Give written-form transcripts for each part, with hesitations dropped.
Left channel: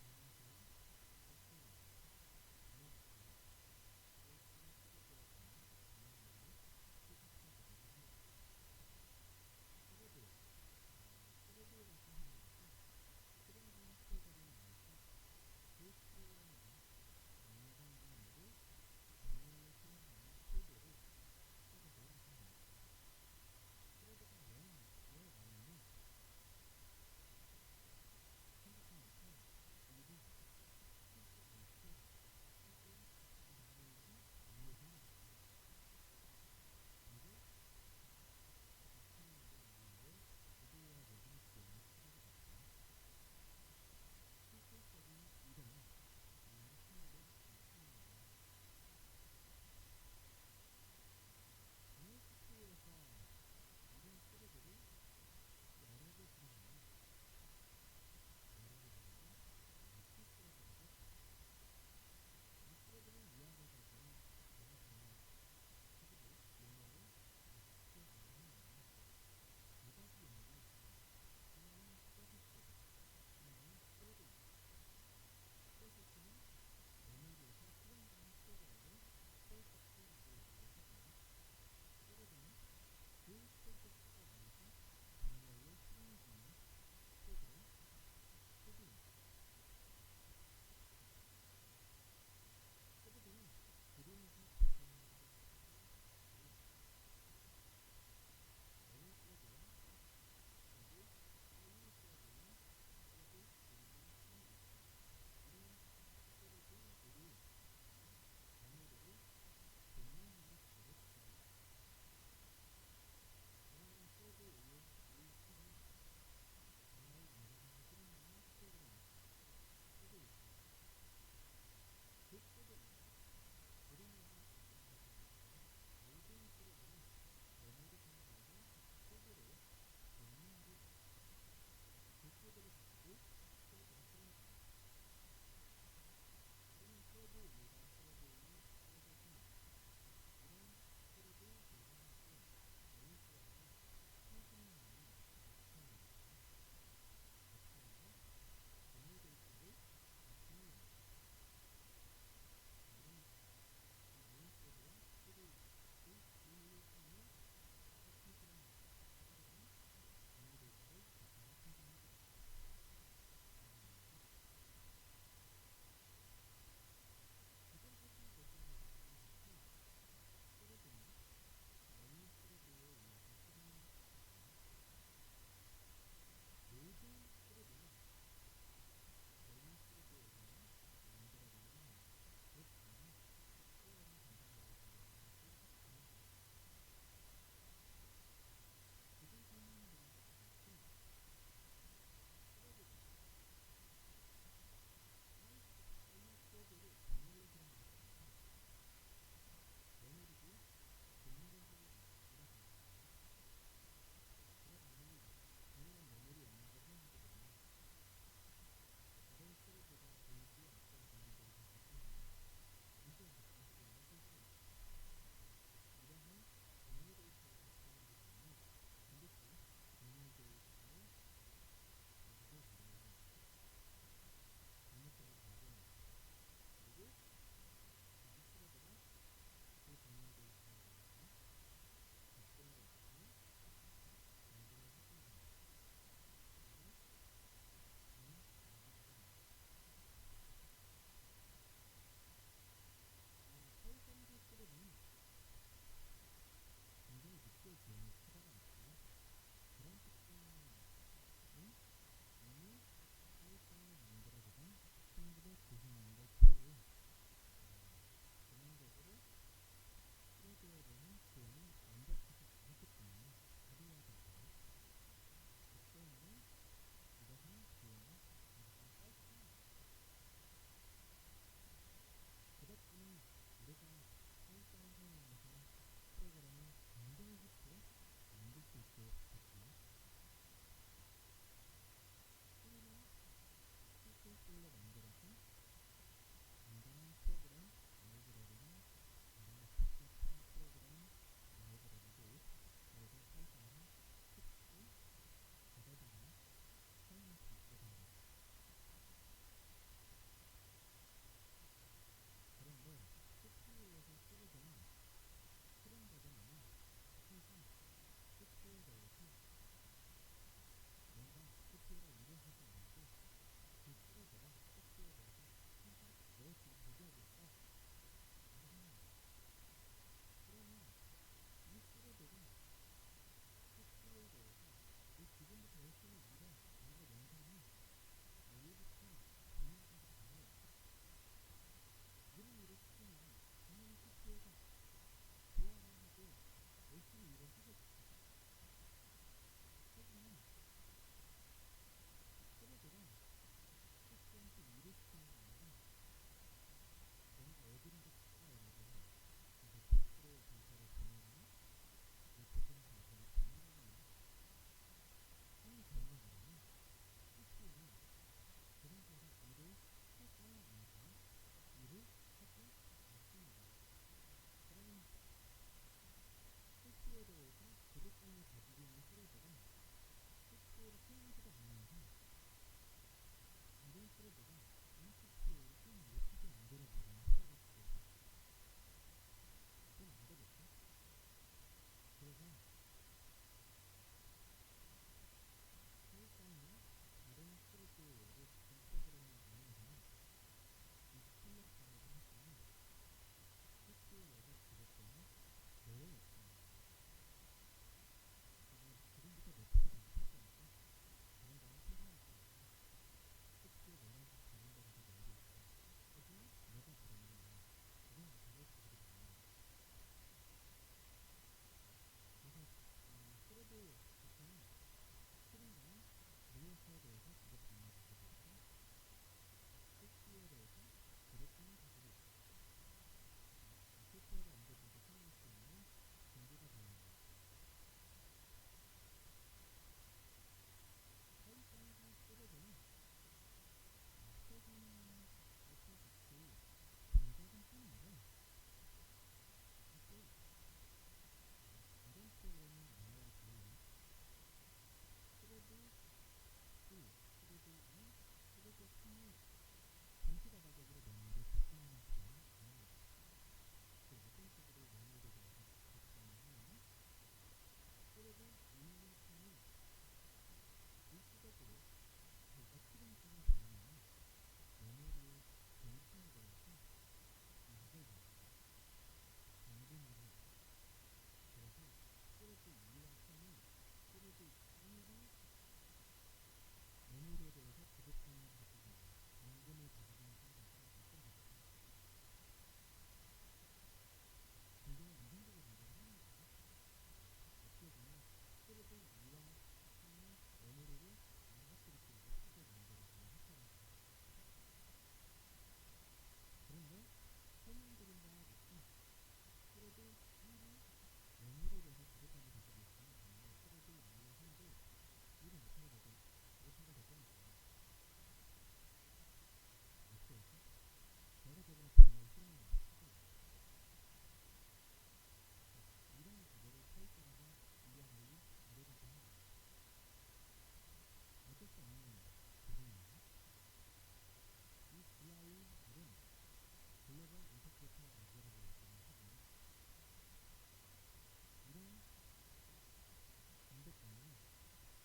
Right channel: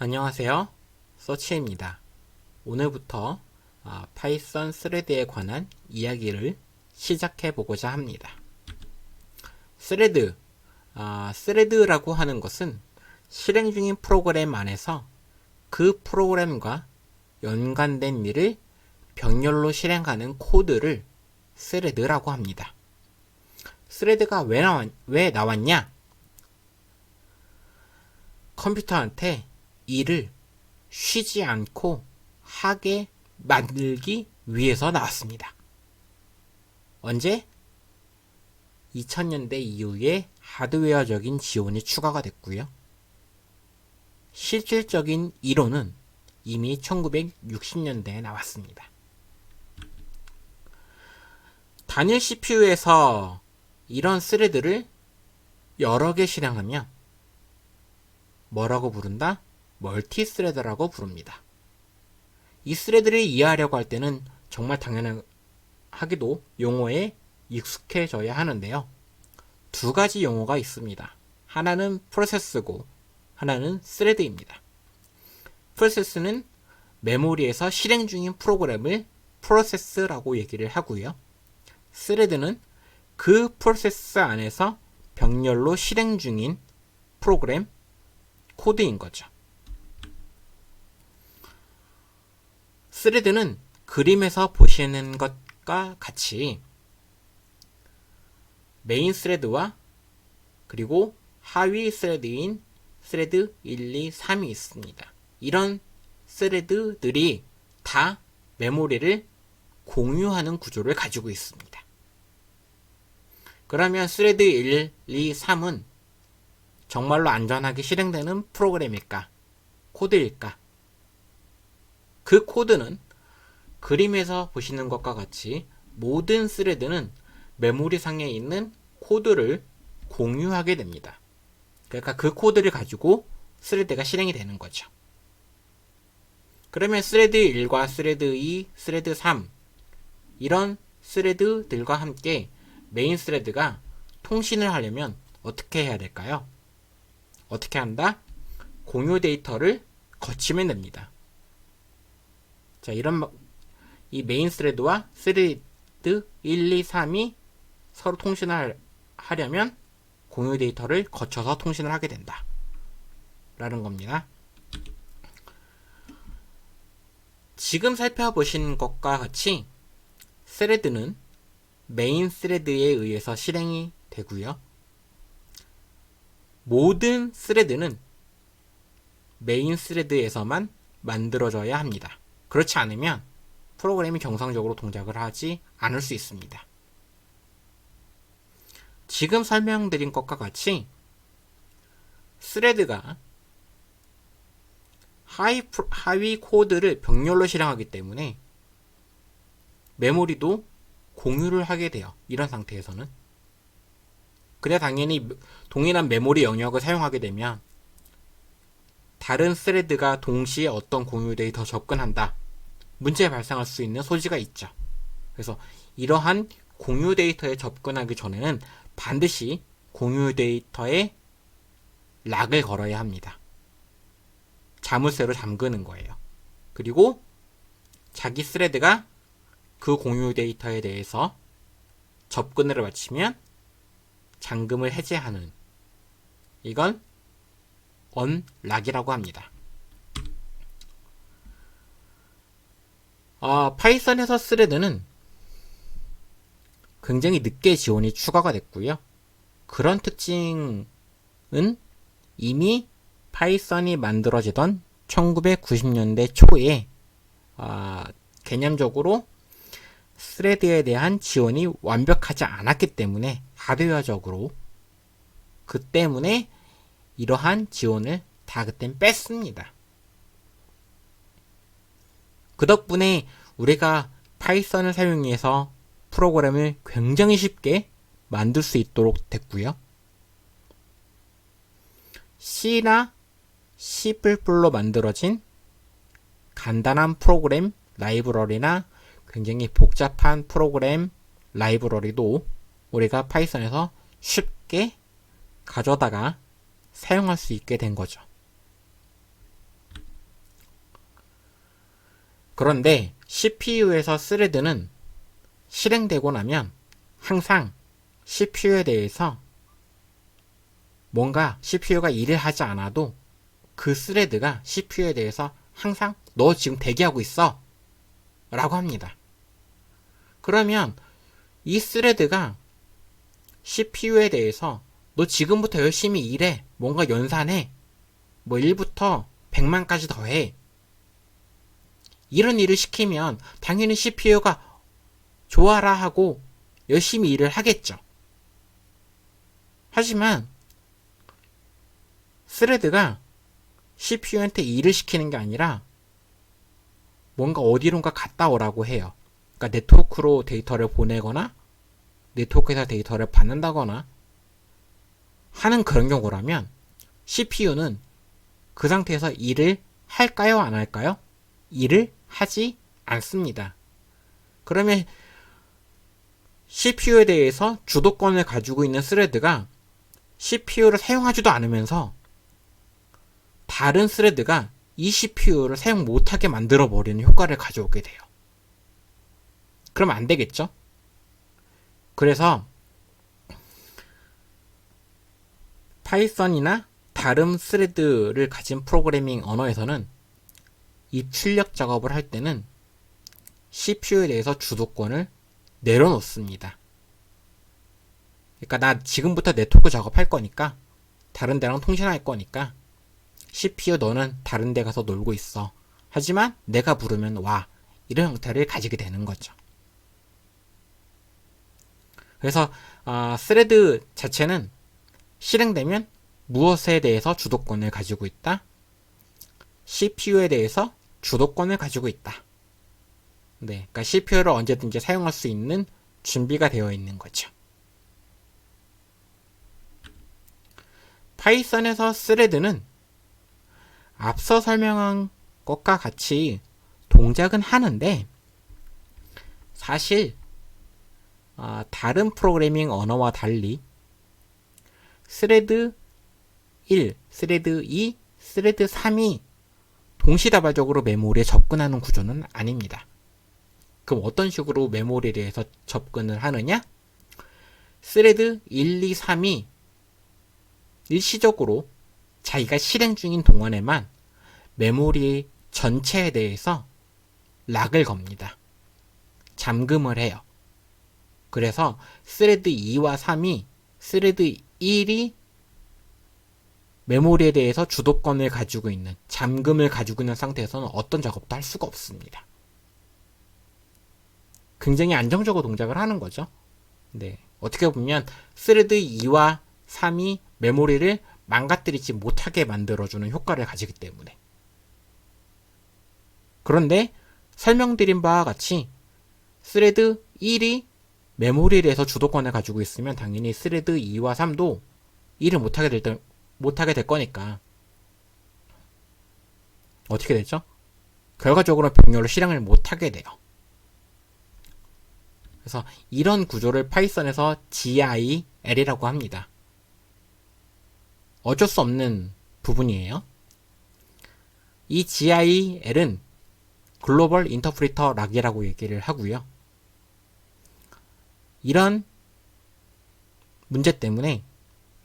안녕하세요. 서치입니다. 오늘부터 파이썬 스레드에 관한 이야기를 시작해 보고자 합니다. 스레드, 스레드라고 하는 것은 실행 중인 프로그램 안에서 그 프로그램과 연관된 일을 병렬로 실행하는 코드를 스레드라고 합니다. 스레드가 왜 나왔냐? 컴퓨터한테 일을 쉬지 않고 하게 만들기 위해서 나왔습니다. 언제? 2000년대 이후에 하드웨어적인 지원이 추가가 됐고요. 실질적인 이론은 이미 1960년대에 나왔습니다. 단일 CPU에서 이런 스레드를 여러 개 실행하면 뭐라고 부른다? 멀티스레드라고 부릅니다. 이 스레드를 이해하려고 할 때는 정말 당연하게도 용어에 익숙해져야 하는데요. 두 가지 용어가 있습니다. 하나는 프로세스고 하나는 스레드입니다. 프로세스는 메모리에서 실행 중인 프로그램을 프로세스라고 얘기를 하고요. 스레드는 그 프로세스 안에서 병렬로 실행 중인 프로그램 코드인 거죠. 스레드는 그림에서 보시는 것과 같이 메인 스레드와 그리고 하위 스레드인 스레드 1, 2, 3이 있습니다. 이런 스레드들이 다 메모리를 공유하는 구조를 가지고 있습니다. 그러면 스레드 1, 2, 3은 정말로 안전하게 실행되는 프로그램일까? 코드일까? 그 코드는 그림에서 보시는 것과 같이 모든 스레드는 메모리 상에 있는 코드를 공유하게 됩니다. 그러니까 그 코드를 가지고 스레드가 실행이 되는 거죠. 그러면 스레드 1과 스레드 2, 스레드 3 이런 스레드들과 함께 메인 스레드가 통신을 하려면 어떻게 해야 될까요? 어떻게 한다? 공유 데이터를 거치면 됩니다. 자, 이 메인 스레드와 스레드 1, 2, 3이 서로 통신을 하려면 공유 데이터를 거쳐서 통신을 하게 된다. 라는 겁니다. 지금 살펴보신 것과 같이 스레드는 메인 스레드에 의해서 실행이 되고요. 모든 스레드는 메인 스레드에서만 만들어져야 합니다. 그렇지 않으면 프로그램이 정상적으로 동작을 하지 않을 수 있습니다. 지금 설명드린 것과 같이 스레드가 하위 코드를 병렬로 실행하기 때문에 메모리도 공유를 하게 돼요. 이런 상태에서는. 그래 당연히 동일한 메모리 영역을 사용하게 되면 다른 스레드가 동시에 어떤 공유 데이터 접근한다. 문제 발생할 수 있는 소지가 있죠. 그래서 이러한 공유 데이터에 접근하기 전에는 반드시 공유 데이터에 락을 걸어야 합니다. 자물쇠로 잠그는 거예요. 그리고 자기 스레드가 그 공유 데이터에 대해서 접근을 마치면 잠금을 해제하는, 이건 언락이라고 합니다. 파이썬에서 스레드는 굉장히 늦게 지원이 추가가 됐고요. 그런 특징은 이미 파이썬이 만들어지던 1990년대 초에 개념적으로 스레드에 대한 지원이 완벽하지 않았기 때문에 하드웨어적으로 그 때문에 이러한 지원을 다 그땐 뺐습니다. 그 덕분에 우리가 파이썬을 사용해서 프로그램을 굉장히 쉽게 만들 수 있도록 됐고요. C나 C++로 만들어진 간단한 프로그램 라이브러리나 굉장히 복잡한 프로그램 라이브러리도 우리가 파이썬에서 쉽게 가져다가 사용할 수 있게 된 거죠. 그런데 CPU에서 스레드는 실행되고 나면 항상 CPU에 대해서 뭔가 CPU가 일을 하지 않아도 그 스레드가 CPU에 대해서 항상 너 지금 대기하고 있어 라고 합니다. 그러면 이 스레드가 CPU에 대해서 너 지금부터 열심히 일해, 뭔가 연산해, 뭐 1부터 100만까지 더해, 이런 일을 시키면 당연히 CPU가 좋아라 하고 열심히 일을 하겠죠. 하지만 스레드가 CPU한테 일을 시키는 게 아니라 뭔가 어디론가 갔다 오라고 해요. 그러니까 네트워크로 데이터를 보내거나 네트워크에서 데이터를 받는다거나 하는 그런 경우라면 CPU는 그 상태에서 일을 할까요? 안 할까요? 일을 하지 않습니다. 그러면 CPU에 대해서 주도권을 가지고 있는 스레드가 CPU를 사용하지도 않으면서 다른 스레드가 이 CPU를 사용 못하게 만들어버리는 효과를 가져오게 돼요. 그럼 안 되겠죠? 그래서 파이썬이나 다른 스레드를 가진 프로그래밍 언어에서는 입출력 작업을 할 때는 CPU에 대해서 주도권을 내려놓습니다. 그러니까 나 지금부터 네트워크 작업할 거니까, 다른 데랑 통신할 거니까 CPU 너는 다른 데 가서 놀고 있어. 하지만 내가 부르면 와. 이런 형태를 가지게 되는 거죠. 그래서 스레드 자체는 실행되면 무엇에 대해서 주도권을 가지고 있다? CPU에 대해서 주도권을 가지고 있다. 네, 그러니까 CPU를 언제든지 사용할 수 있는 준비가 되어 있는 거죠. 파이썬에서 스레드는 앞서 설명한 것과 같이 동작은 하는데 사실 다른 프로그래밍 언어와 달리 스레드 1, 스레드 2, 스레드 3이 동시다발적으로 메모리에 접근하는 구조는 아닙니다. 그럼 어떤 식으로 메모리에 대해서 접근을 하느냐? 스레드 1, 2, 3이 일시적으로 자기가 실행 중인 동안에만 메모리 전체에 대해서 락을 겁니다. 잠금을 해요. 그래서 스레드 2와 3이 스레드 1이 메모리에 대해서 주도권을 가지고 있는, 잠금을 가지고 있는 상태에서는 어떤 작업도 할 수가 없습니다. 굉장히 안정적으로 동작을 하는 거죠. 네, 어떻게 보면 스레드 2와 3이 메모리를 망가뜨리지 못하게 만들어주는 효과를 가지기 때문에. 그런데 설명드린 바와 같이 스레드 1이 메모리에 대해서 주도권을 가지고 있으면 당연히 스레드 2와 3도 일을 못하게 될 거니까 어떻게 되죠? 결과적으로 병렬을 실행을 못하게 돼요. 그래서 이런 구조를 파이썬에서 GIL이라고 합니다. 어쩔 수 없는 부분이에요. 이 GIL은 글로벌 인터프리터 락이라고 얘기를 하고요. 이런 문제 때문에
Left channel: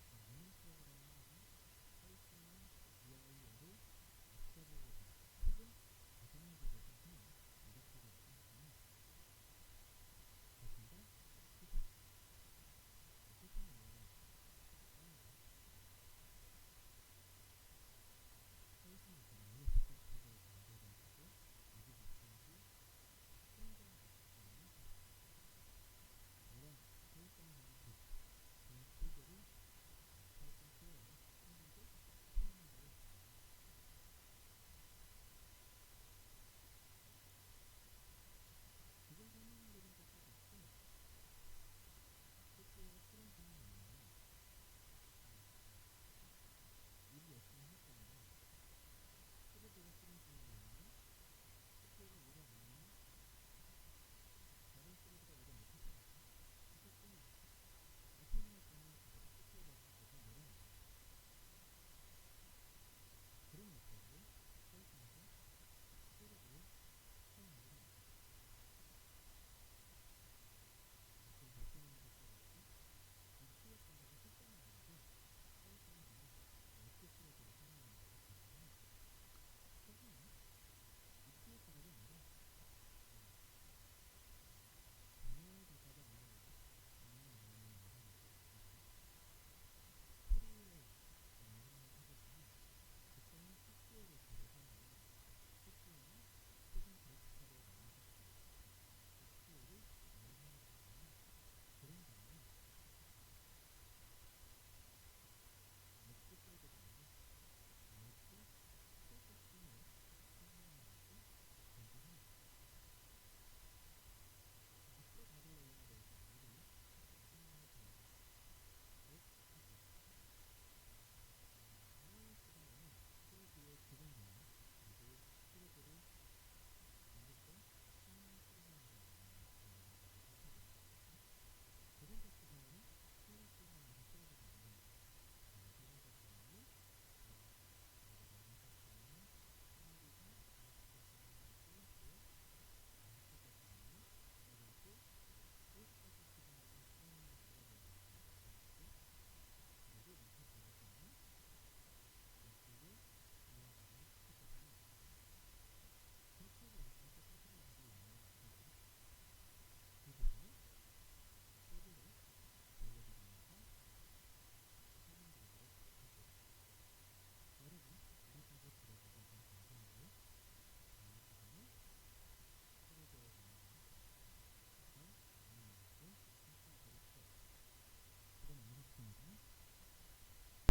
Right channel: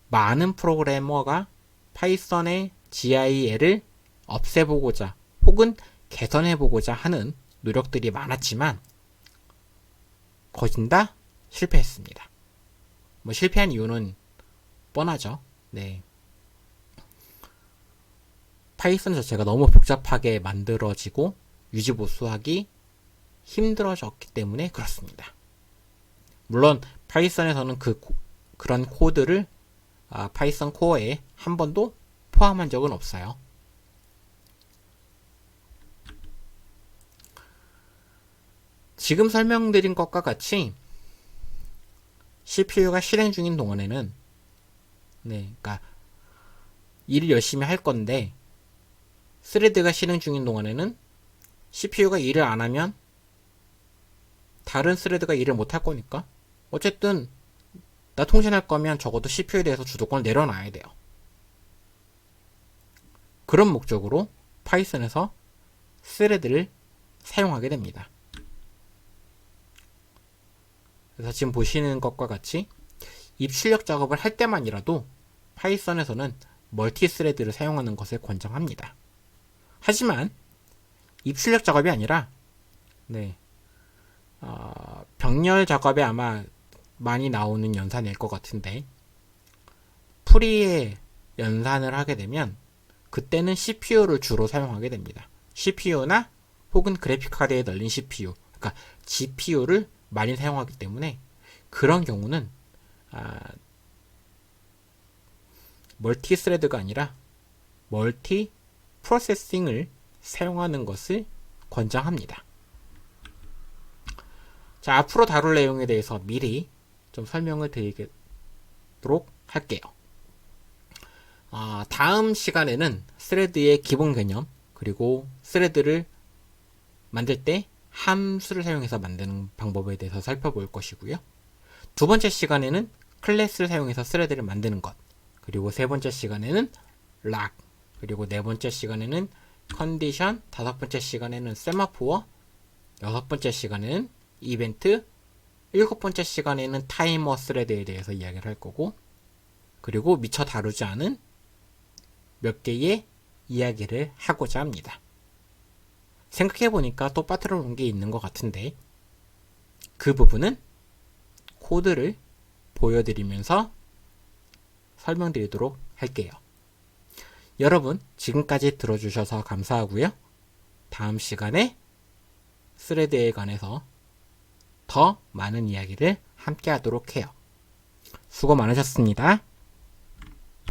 많은 프로그래머가 파이썬의 GIL을 없애보고자 혹은 개선해보고자 하는 노력들이 많았지만 거진 다 실패했습니다. 뭐 실패한 이유는 뻔하죠. 네. 파이썬 자체가 너무 복잡하게 만들어지고 유지보수하기 힘들어졌기 때문에 그렇습니다. 물론 파이썬에서는 그런 코드를 파이썬 코어에 한 번도 포함한 적은 없어요. 지금 설명드린 것과 같이 CPU가 실행 중인 동안에는 그러니까 일을 열심히 할 건데 스레드가 실행 중인 동안에는 CPU가 일을 안 하면 다른 스레드가 일을 못 할 거니까 어쨌든 나 통신할 거면 적어도 CPU에 대해서 주도권을 내려놔야 돼요. 그런 목적으로 파이썬에서 스레드를 사용하게 됩니다. 그래서 지금 보시는 것과 같이 입출력 작업을 할 때만이라도 파이썬에서는 멀티스레드를 사용하는 것을 권장합니다. 하지만 입출력 작업이 아니라 병렬 작업에 아마 많이 나오는 연산일 것 같은데, 프리에 연산을 하게 되면 그때는 CPU를 주로 사용하게 됩니다. CPU나 혹은 그래픽카드에 널린 CPU, 그러니까 GPU를 많이 사용하기 때문에 그런 경우는 멀티스레드가 아니라 멀티 프로세싱을 사용하는 것을 권장합니다. 자, 앞으로 다룰 내용에 대해서 미리 좀 설명을 드리도록 할게요. 다음 시간에는 스레드의 기본 개념, 그리고 스레드를 만들 때 함수를 사용해서 만드는 방법에 대해서 살펴볼 것이고요. 두 번째 시간에는 클래스를 사용해서 스레드를 만드는 것, 그리고 세 번째 시간에는 락, 그리고 네 번째 시간에는 컨디션, 다섯 번째 시간에는 세마포어, 여섯 번째 시간에는 이벤트, 일곱 번째 시간에는 타이머 스레드에 대해서 이야기를 할 거고, 그리고 미처 다루지 않은 몇 개의 이야기를 하고자 합니다. 생각해보니까 또 빠뜨려 놓은 게 있는 것 같은데, 그 부분은 코드를 보여드리면서 설명드리도록 할게요. 여러분, 지금까지 들어주셔서 감사하고요. 다음 시간에 스레드에 관해서 더 많은 이야기를 함께 하도록 해요. 수고 많으셨습니다.